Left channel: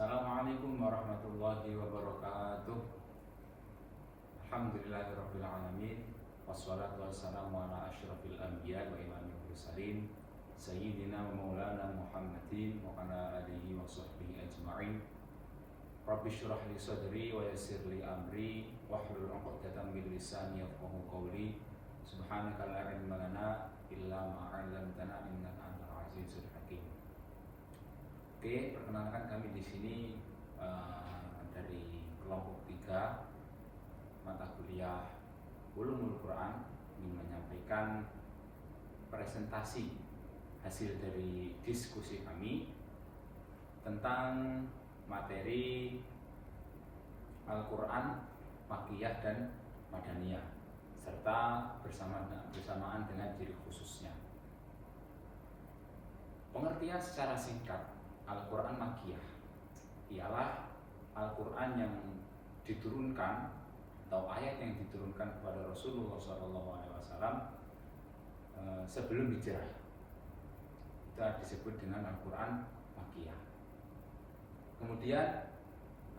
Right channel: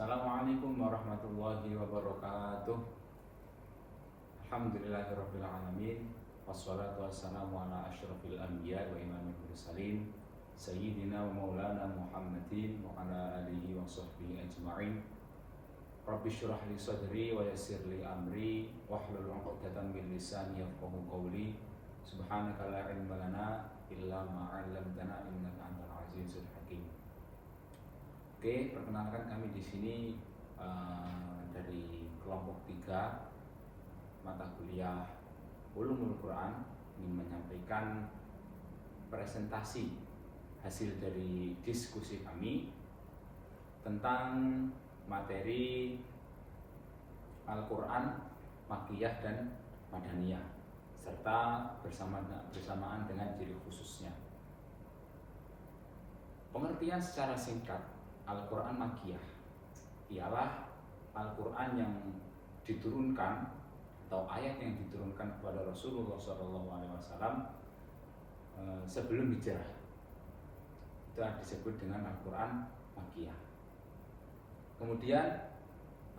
Assalamualaikum warahmatullahi wabarakatuh. Alhamdulillahirabbil alamin. Wassalatu wassalamu ala asyrafil anbiya wa imamil mursalin sayyidina wa maulana Muhammadin wa ala alihi wa sahbihi ajma'in. Rabbi syrah li sadri wa yassir li amri wahlul 'uqdatam min lisani yafqahu qawli. Subhanaka la ilma lana illa ma 'allamtana innaka antal azizul hakim. Oke, perkenalkan kami di sini dari kelompok 3 mata kuliah Ulumul Quran ingin menyampaikan presentasi hasil dari diskusi kami tentang materi Al-Quran Makkiyah dan Madaniyah serta bersamaan dengan ciri khususnya. Pengertian secara singkat Al-Quran Makkiyah ialah Al-Quran yang diturunkan atau ayat yang diturunkan kepada Rasulullah SAW sebelum hijrah. Itu disebut dengan Al-Quran Makkiyah. Kemudian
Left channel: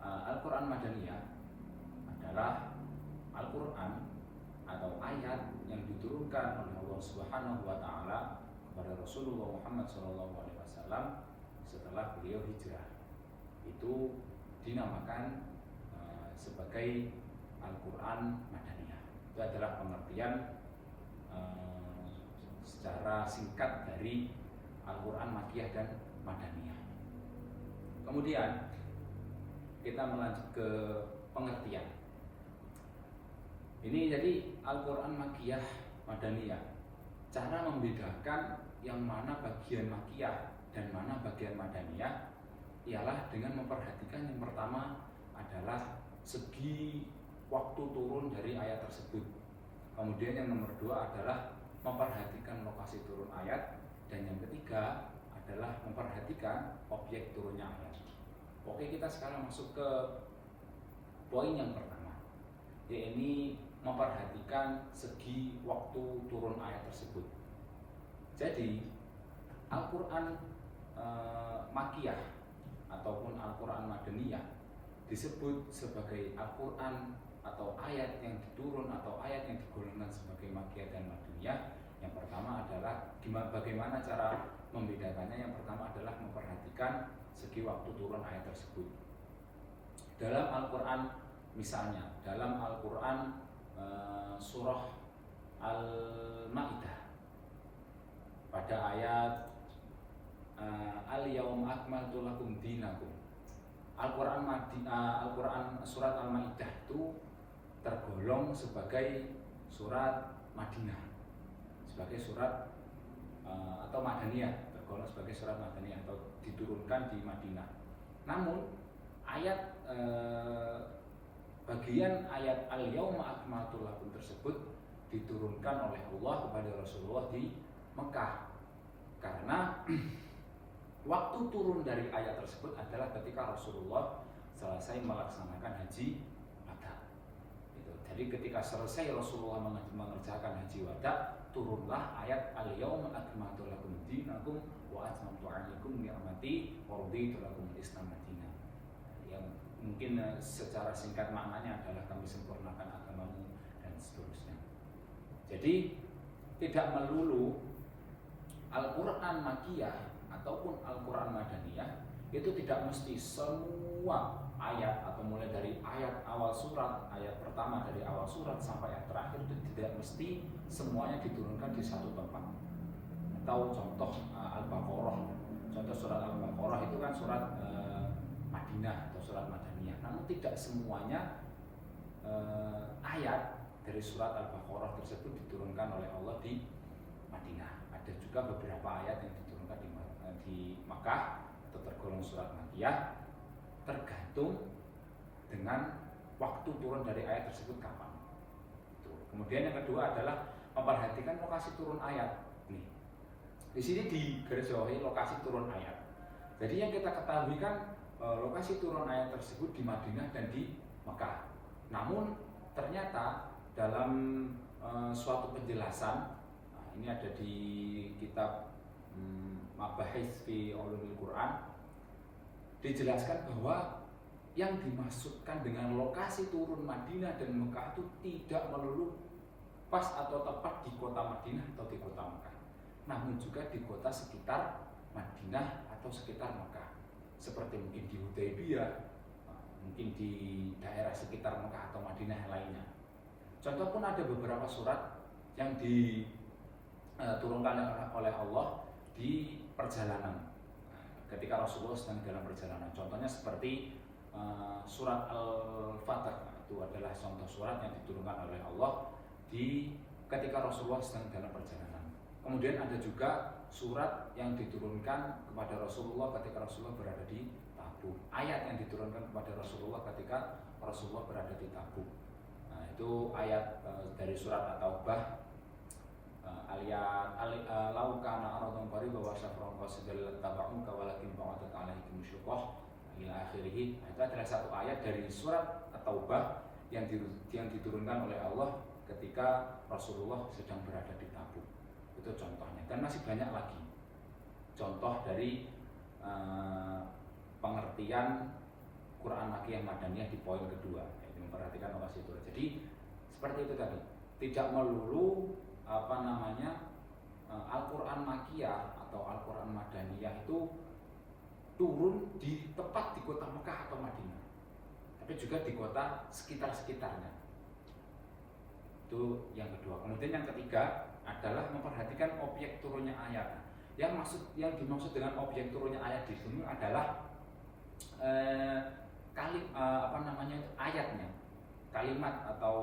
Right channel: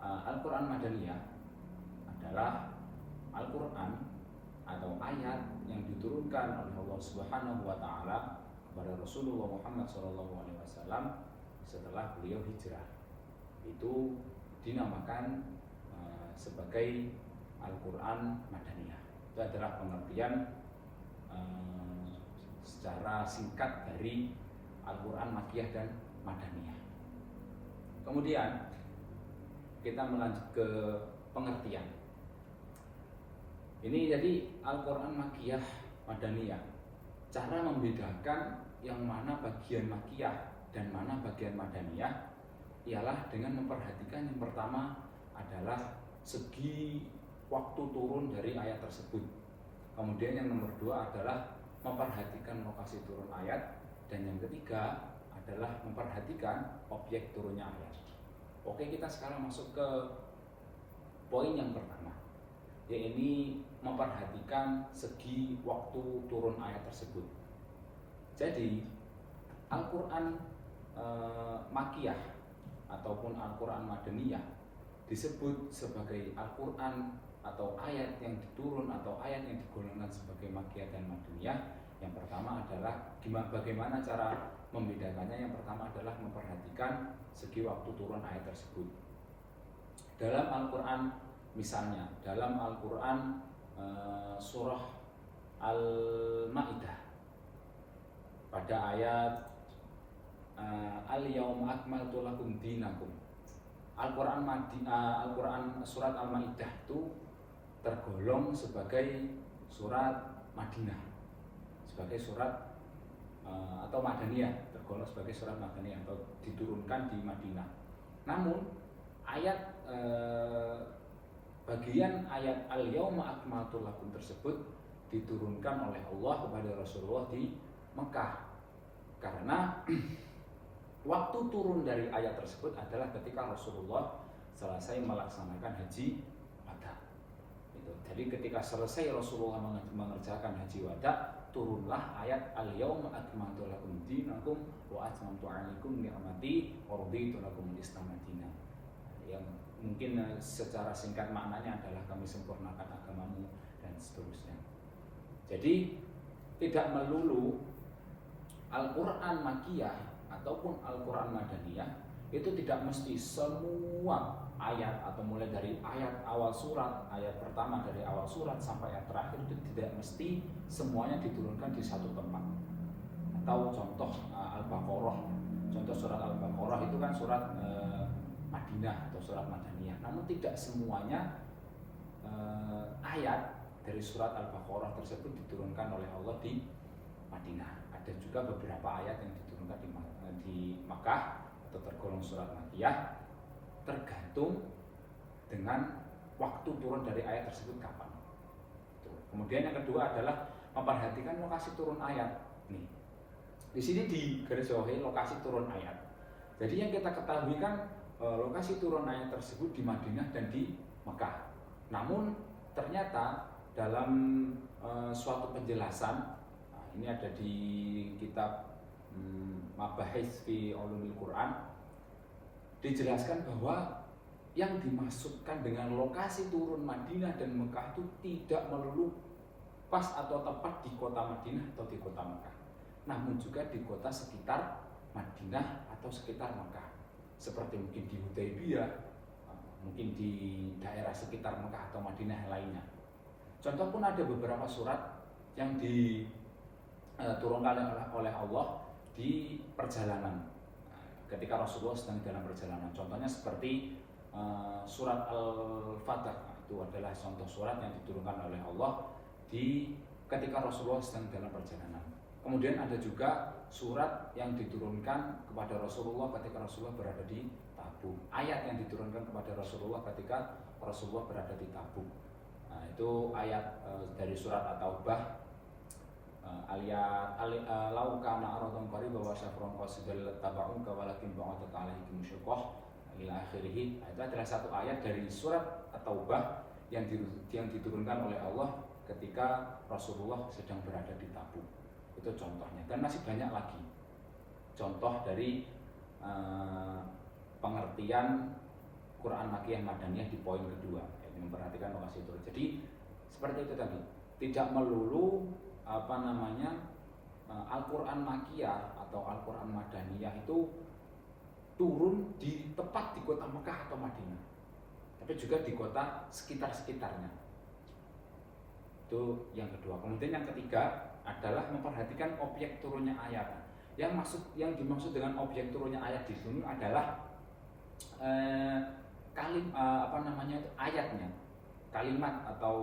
Al-Quran Madaniyah adalah Al-Quran atau ayat yang diturunkan oleh Allah Subhanahu wa Ta'ala kepada Rasulullah Muhammad SAW setelah beliau hijrah. Itu dinamakan sebagai Al-Quran Madaniyah. Itu adalah pengertian secara singkat dari Al-Quran Makkiyah dan Madaniyah. Kemudian kita melanjut ke pengertian. Ini jadi Al-Quran Makkiyah Madaniyah. Cara membedakan yang mana bagian Makkiyah dan mana bagian Madaniyah ialah dengan memperhatikan yang pertama adalah segi waktu turun dari ayat tersebut. Kemudian yang nomor 2 adalah memperhatikan lokasi turun ayat, dan yang ketiga adalah memperhatikan objek turunnya ayat. Oke, kita sekarang masuk ke poin yang pertama, yaitu memperhatikan segi waktu turun ayat tersebut. Jadi Al-Quran Makkiyah ataupun Al-Quran Madaniyah disebut sebagai Al-Quran atau ayat yang diturun atau ayat yang digolongkan sebagai Makkiyah dan Madaniyah. Yang pertama adalah bagaimana cara membedakannya. Yang pertama adalah memperhatikan segi waktu turun ayat tersebut. Dalam Al-Quran, misalnya dalam Al-Quran surah Al-Ma'idah pada ayat Al-Yauma akmaltu lakum dinakum. Al-Quran surat Al-Ma'idah itu tergolong sebagai surat Madinah, sebagai surat atau Madaniyah, tergolong sebagai surat Madaniyah atau diturunkan di Madinah. Namun ayat bagian ayat Al-Yauma akmaltu lakum tersebut diturunkan oleh Allah kepada Rasulullah di Mekah, karena waktu turun dari ayat tersebut adalah ketika Rasulullah selesai melaksanakan haji wada. Jadi ketika selesai Rasulullah mengerjakan haji wada, turunlah ayat Al-Yauma akmaltu lakum dinakum wa atmamtu 'alaikum ni'mati wa raditu lakumul Islam madinah. Yang mungkin secara singkat maknanya adalah kami sempurnakan agamamu dan seterusnya. Jadi tidak melulu Al-Quran Makkiyah ataupun Al-Quran Madaniyah itu tidak mesti semua ayat atau mulai dari ayat awal surat, ayat pertama dari awal surat sampai ayat terakhir itu tidak mesti semuanya diturunkan di satu tempat. Atau contoh Al-Baqarah, contoh surat Al-Baqarah itu kan surat Madinah atau surat Madaniyah. Namun tidak semuanya ayat dari surat Al-Baqarah tersebut diturunkan oleh Allah di Madinah. Ada juga beberapa ayat yang diturunkan di Makkah atau tergolong surat Makkiyah, tergantung dengan waktu turun dari ayat tersebut kapan. Kemudian yang kedua adalah memperhatikan lokasi turun ayat. Nih, di sini digarisbawahi lokasi turun ayat. Jadi yang kita ketahui kan lokasi turun ayat tersebut di Madinah dan di Makkah. Namun ternyata dalam suatu penjelasan, ini ada di kitab Mabahis fi Ulumil Quran, dijelaskan bahwa yang dimaksudkan dengan lokasi turun Madinah dan Mekah itu tidak melulu pas atau tepat di kota Madinah atau di kota Mekah, namun juga di kota sekitar Madinah atau sekitar Mekah, seperti mungkin di Hudaybiyah, mungkin di daerah sekitar Mekah atau Madinah lainnya. Contoh pun ada beberapa surat yang diturunkan oleh Allah di perjalanan, ketika Rasulullah sedang dalam perjalanan. Contohnya seperti surat Al-Fatah, itu adalah contoh surat yang diturunkan oleh Allah ketika Rasulullah sedang dalam perjalanan. Kemudian ada juga surat yang diturunkan kepada Rasulullah ketika Rasulullah berada di Tabuk. Ayat yang diturunkan kepada Rasulullah ketika Rasulullah berada di Tabuk. Nah, itu ayat dari surat At-Taubah, lau kana aradun qarib wa syafrun qasidal tabauka walakin ba'atat alaihim syuqah ila akhirih. Itu adalah satu ayat dari surat At-Taubah yang diturunkan oleh Allah ketika Rasulullah sedang berada di Tabuk. Itu contohnya, dan masih banyak lagi contoh dari pengertian Quran Makkiyah Madaniyah di poin kedua, yaitu memperhatikan lokasi turun. Jadi seperti itu tadi, tidak melulu Al-Quran Makkiyah atau Al-Quran Madaniyah itu turun tepat di kota Mekah atau Madinah, tapi juga di kota sekitar-sekitarnya. Itu yang kedua. Kemudian yang ketiga adalah memperhatikan objek turunnya ayat. Yang dimaksud dengan objek turunnya ayat di sini adalah ayatnya, kalimat atau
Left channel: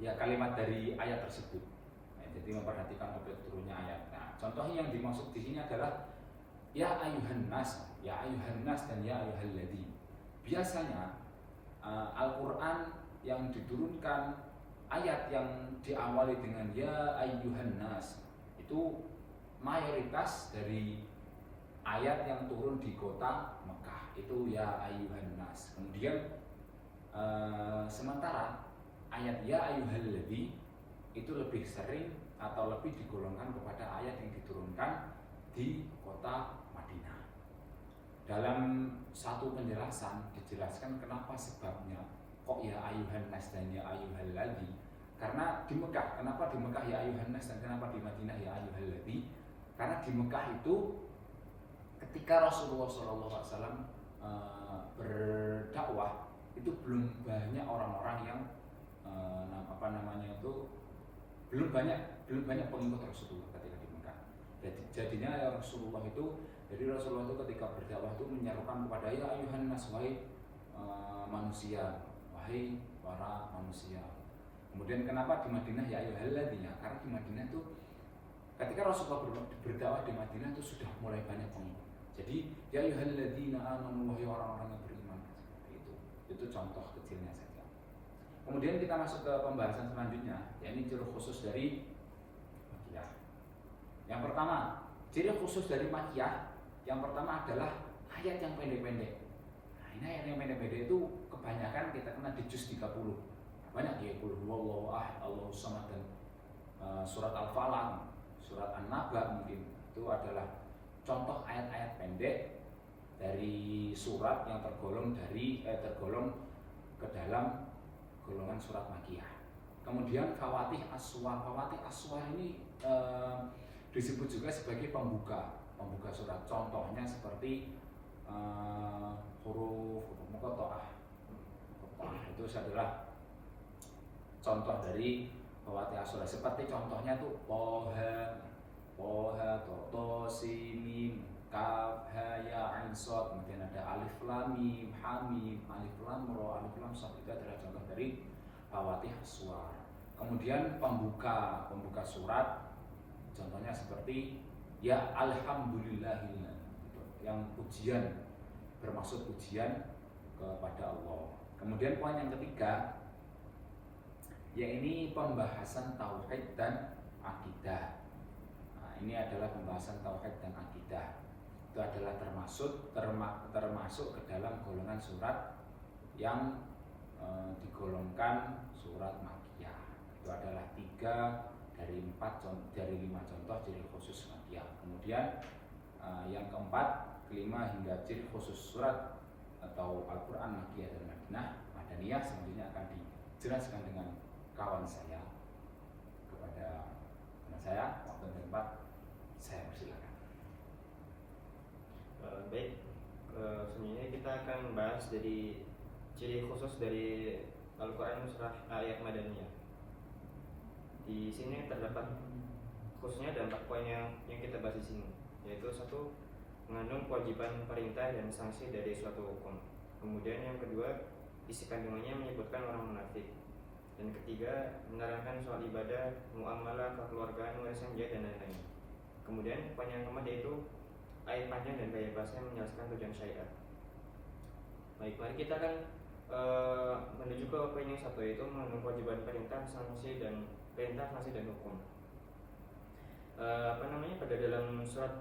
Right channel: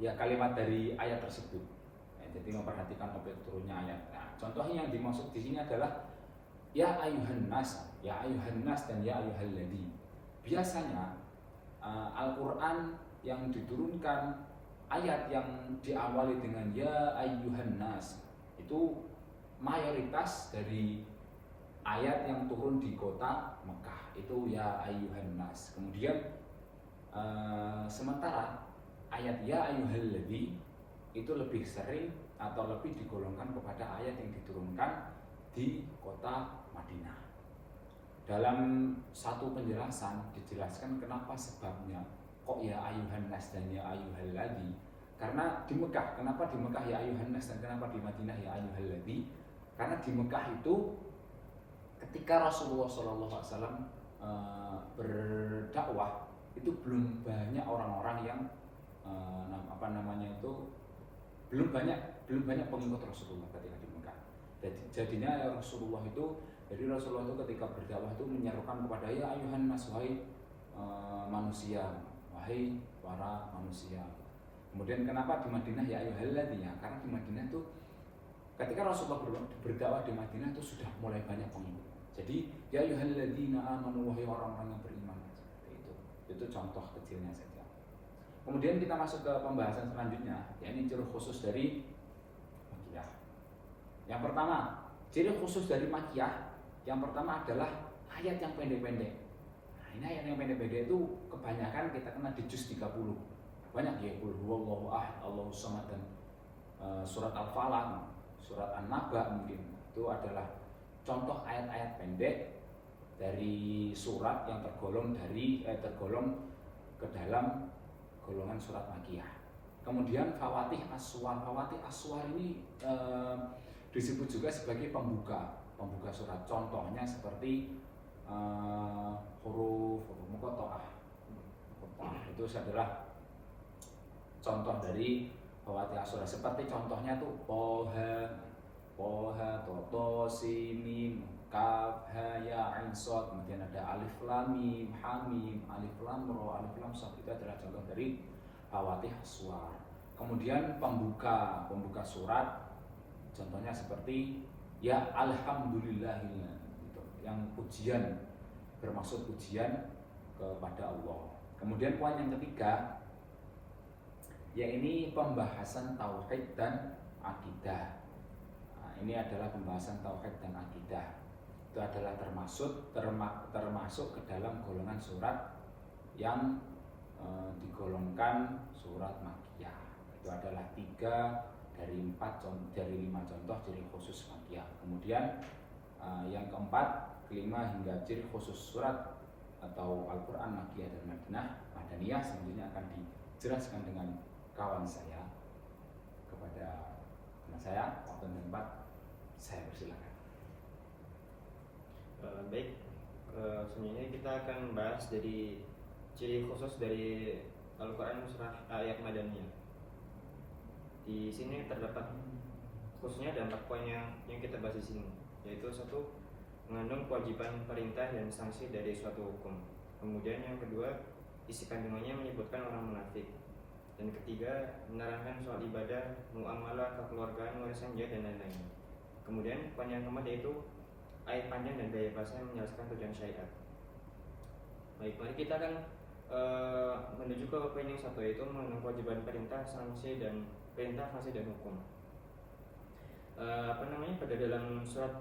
ya kalimat dari ayat tersebut. Jadi memperhatikan objek turunnya ayat. Nah, contohnya yang dimaksud di sini adalah ya ayuhan nas dan ya ayyuhalladzī. Biasanya Al-Quran yang diturunkan, ayat yang diawali dengan ya ayyuhan nas, itu mayoritas dari ayat yang turun di kota Mekah itu ya ayyuhan nas. Kemudian sementara ayat ya ayyuhalladzī itu lebih sering atau lebih digolongkan kepada ayat yang diturunkan di kota Madinah. Dalam satu penjelasan dijelaskan kenapa sebabnya kok ya ayuhan nas dan ya ayyuhalladzī. Karena di Mekah, kenapa di Mekah ya ayuhan nas dan kenapa di Madinah ya ayyuhalladzī? Karena di Mekah itu ketika Rasulullah SAW berdakwah itu belum banyak orang-orang yang belum banyak pengikut Rasulullah ketika di Mekah. Jadinya ya Rasulullah itu ketika berdakwah itu menyerukan kepada ya ayuhan nas, wahai manusia, wahai para manusia. Kemudian kenapa di Madinah ya ayyuhalladzī? Karena di Madinah itu ketika Rasulullah berdakwah di Madinah itu sudah mulai banyak pengikut. Jadi ya ayyuhalladzina amanu, wahai orang-orang yang beriman, seperti itu. Itu contoh kecilnya saja. Kemudian kita masuk ke pembahasan selanjutnya, yakni ciri khusus dari Makkiyah. Yang pertama, ciri khusus dari Makkiyah yang pertama adalah ayat yang pendek-pendek. Nah, ini ayat yang pendek-pendek itu kebanyakan kita kenal di juz 30. Banyak ya, qul huwallahu ahad, Allahus samad, dan surat Al-Falaq, surat An-Naba mungkin. Itu adalah contoh ayat-ayat pendek dari surat yang tergolong ke dalam golongan surat Makkiyah. Kemudian Fawatih As-Suwar ini disebut juga sebagai pembuka surat. Contohnya seperti huruf muqatta'ah. Itu adalah contoh dari Fawatih As-Suwar. Seperti contohnya tuh Toha, Toto, Simim, Kaf, Ha, Ya, Ain, Shad. Kemudian ada Alif Lam Mim, Hamim, Alif Lam Ra, Alif Lam Shad. Itu adalah contoh dari Fawatih As-Suwar. Kemudian pembuka surat, contohnya seperti ya alhamdulillahil, gitu, yang ujian, bermaksud ujian kepada Allah. Kemudian poin yang ketiga, yaitu pembahasan tauhid dan akidah. Nah, ini adalah pembahasan tauhid dan akidah. Itu adalah termasuk ke dalam golongan surat yang digolongkan surat Makkiyah. Itu adalah 3 dari 5 contoh ciri khusus Makkiyah. Kemudian yang keempat, kelima hingga ciri khusus surat atau Al-Quran Makkiyah dan Madaniyah selanjutnya akan dijelaskan dengan kawan saya. Kepada teman saya, waktu dan tempat saya persilakan. Baik, selanjutnya kita akan bahas dari ciri khusus dari Al-Quran surah ayat Madaniyah. Di sini terdapat khususnya ada 4 poin yang kita bahas di sini, yaitu 1, mengandung kewajiban perintah dan sanksi dari suatu hukum. Kemudian yang kedua, isi kandungannya menyebutkan orang munafik. Dan ketiga, menerangkan soal ibadah, muamalah, kekeluargaan, warisan jihad dan lain-lain. Kemudian poin yang keempat yaitu ayat panjang dan gaya bahasa yang menjelaskan tujuan syariat. Baik, mari kita akan menuju ke poin yang 1, yaitu mengandung kewajiban perintah, sanksi dan hukum. Pada dalam surat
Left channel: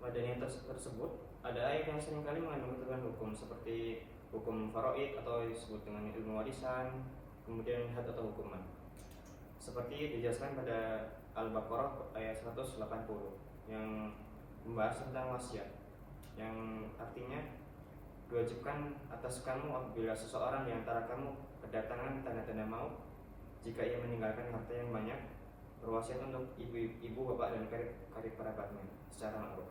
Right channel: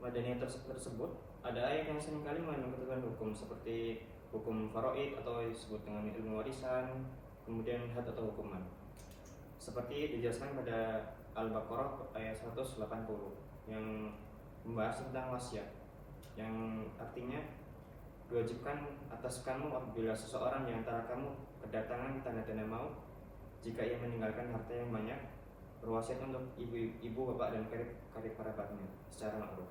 Madaniyah tersebut ada ayat yang seringkali mengandung ketentuan hukum seperti hukum faraid atau disebut dengan ilmu warisan, kemudian had atau hukuman. Seperti dijelaskan pada Al-Baqarah ayat 180 yang membahas tentang wasiat, yang artinya diwajibkan atas kamu apabila seseorang di antara kamu kedatangan tanda-tanda maut, jika ia meninggalkan harta yang banyak, berwasiat untuk ibu, bapak dan karib kerabatnya secara ma'ruf.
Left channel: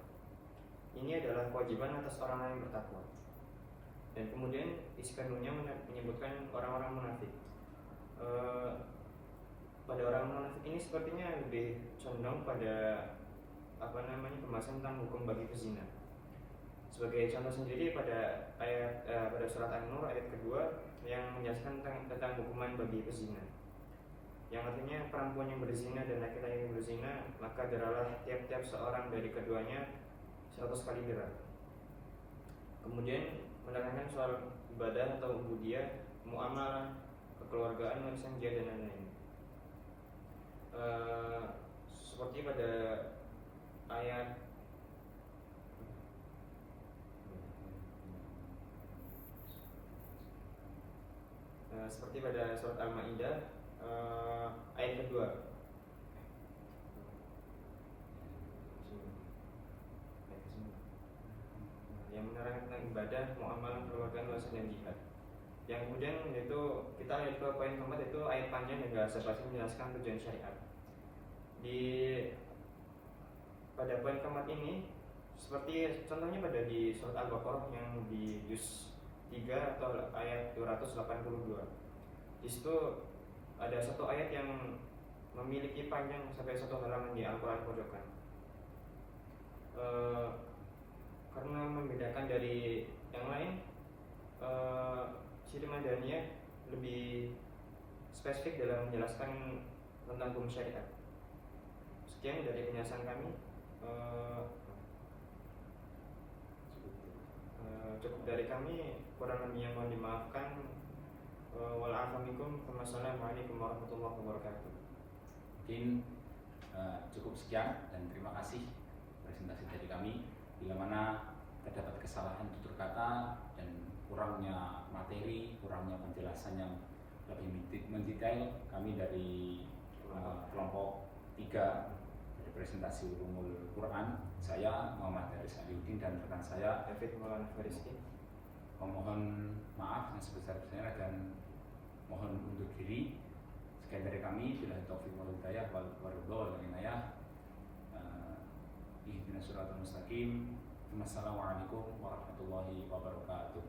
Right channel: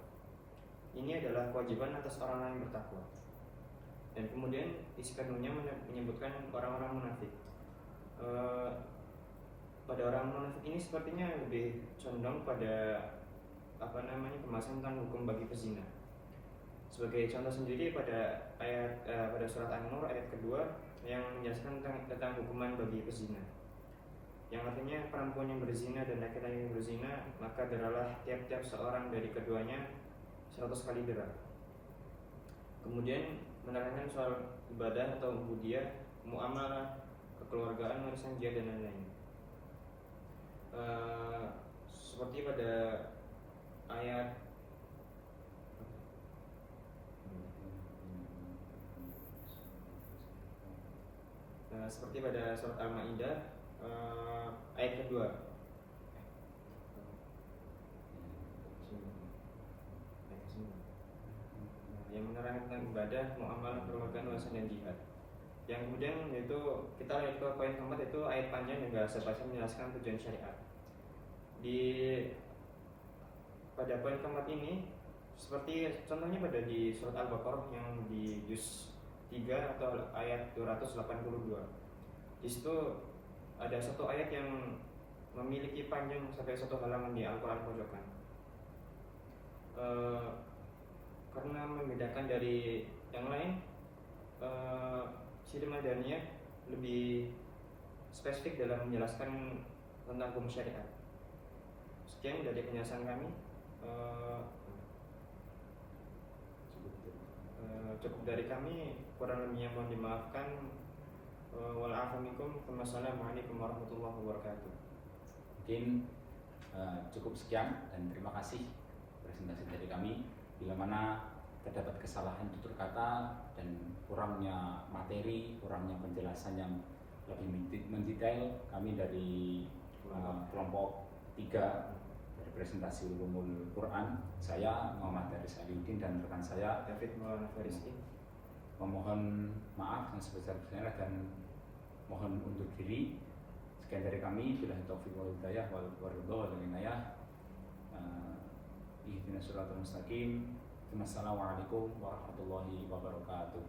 Ini adalah kewajiban atas orang-orang yang bertakwa. Dan kemudian isi kandungnya menyebutkan orang-orang munafik. Pada orang munafik ini sepertinya lebih condong pada pembahasan tentang hukum bagi pezina. Sebagai contoh sendiri pada pada surat An-Nur ayat kedua yang menjelaskan tentang hukuman bagi pezina, yang artinya perempuan yang berzina dan laki-laki yang berzina, maka deralah tiap-tiap seorang dari keduanya 100 kali dera. Kemudian menerangkan soal ibadah atau ubudiyah, muamalah, kekeluargaan, warisan jihad dan lain-lain. Seperti pada ayat surat Al-Maidah ayat kedua yang menerangkan tentang ibadah, muamalah, kekeluargaan, warisan dan jihad. Yang kemudian yaitu kita lihat ke poin keempat, yaitu ayat panjang yang bahasa menjelaskan tujuan syariat. Pada poin keempat ini seperti contohnya pada di surat Al-Baqarah yang di juz 3 atau ayat 282. Di situ ada satu ayat yang memiliki panjang sampai 1 halaman di Al-Quran pojokan. Karena membedakan dari yang lain, Siti Madaniyah lebih spesifik dalam menjelaskan tentang hukum syariat. Sekian dari penjelasan kami. Cukup dari kami, kurang lebihnya mohon dimaafkan. Waalaikumsalam warahmatullahi wabarakatuh. Mungkin cukup sekian dan terima kasih presentasi dari kami. Bila mana terdapat kesalahan tutur kata dan kurangnya materi, kurangnya penjelasan yang lebih mendetail, kami dari kelompok 3 dari presentasi Ulumul Quran, saya Muhammad Haris Aliuddin dan rekan saya David Maulana Fariski, memohon maaf yang sebesar-besarnya dan mohon undur diri. Sekian dari kami, billahi taufiq wal hidayah wal ridha wal inayah. Ihdinas siratal mustaqim. Wassalamualaikum warahmatullahi wabarakatuh.